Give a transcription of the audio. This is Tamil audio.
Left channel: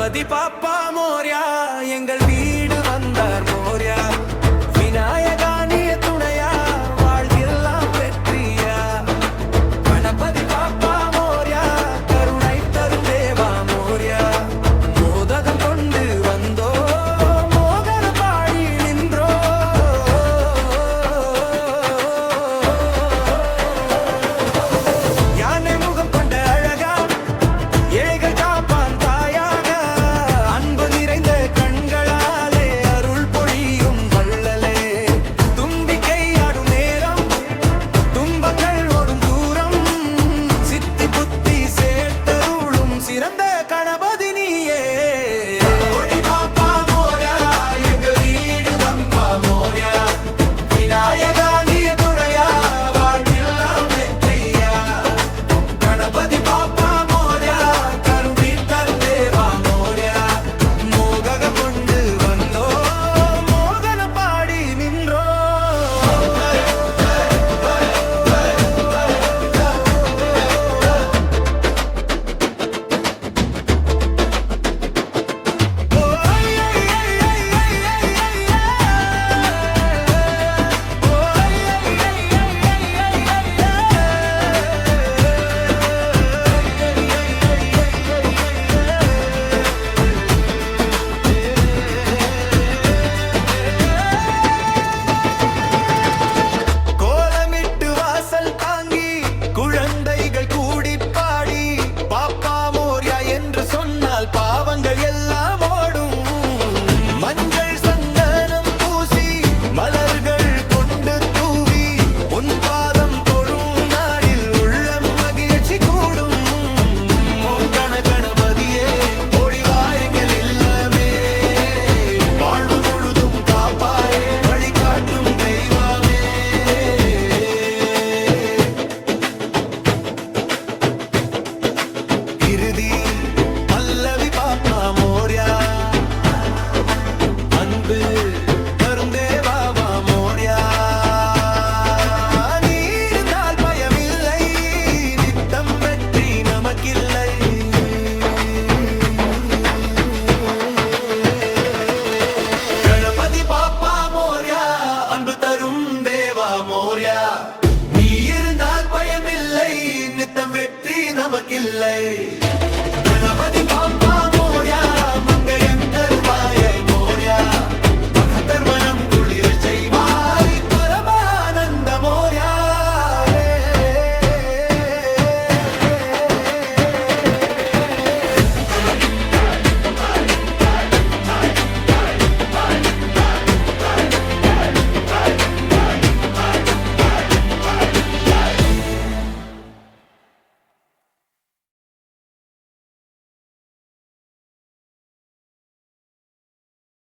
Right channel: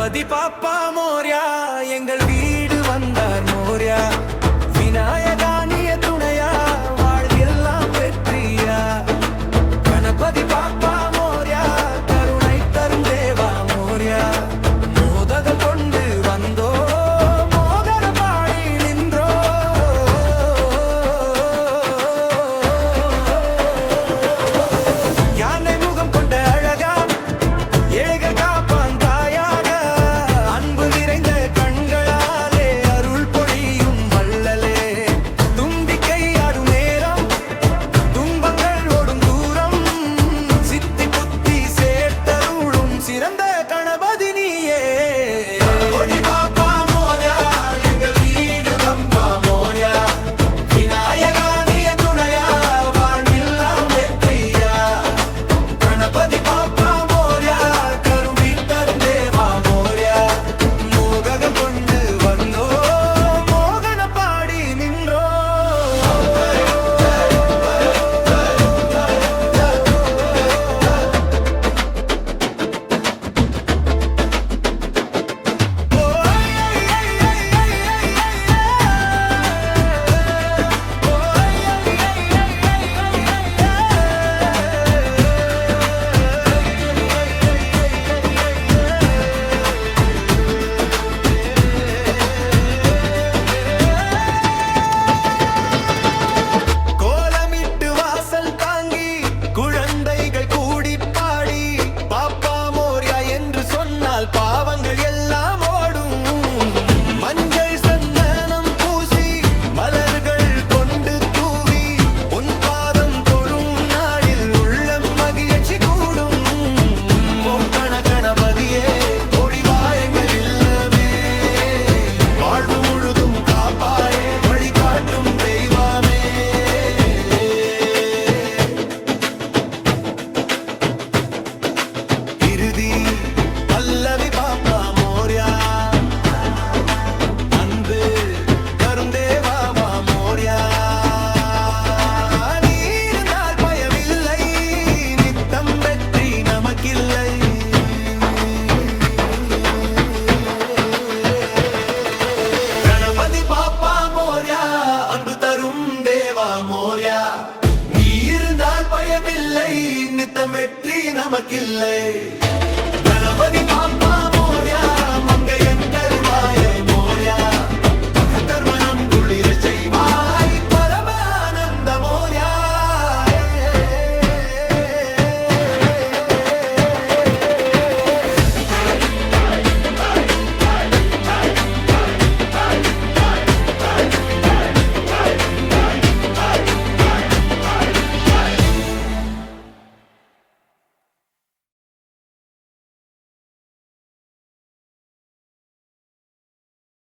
கணபதி பாப்பா மோர்யா எங்கள் வீடு வந்தார் மோர்யா விநாயகானிய துணையா வாழ்வெல்லாம் வெற்றியா கணபதி பாப்பா மோர்யா கருணை தரும் தேவா மோர்யா மோதகம் கொண்டு வந்தோ மோகன பாடி நின்றோ யானை முகம் கொண்ட அழகா ஏழைகள் காப்பான் தாயாக அன்பு நிறைந்த கண்களாலே அருள் பொழியும் வள்ளலே தும்பிக்கை ஆடும் நேரம் துன்பங்கள் ஓடும் தூரம் சித்தி புத்தி சேர்த்தருளும் சிறந்த கணபதி நீயே பாவங்கள் எல்லாம் ஓடும் மஞ்சள் சந்தனம் பூசி மலர்கள் கொண்டு தூவி உன் பாதம் தொழும் நாளில் உள்ளம் மகிழ்ச்சி கூடும் ஓம் கணபதியே ஓடிவா எங்கள் இல்லமே வாழ்வு முழுதும் காப்பாயே வழிகாட்டும் தெய்வமே இறுதி பல்லவி பாப்பா மோர்யா அன்பு தரும் தேவாவா மோர்யா நீ இருந்தால் பயமில்லை நித்தம் வெற்றி நமக்கில்லை கணபதி பாப்பா மோர்யா அன்பு தரும் தேவா மோர்யா நீ இருந்தால் பயமில்லை நித்தம் வெற்றி நமக்கில்லை கணபதி பாப்பா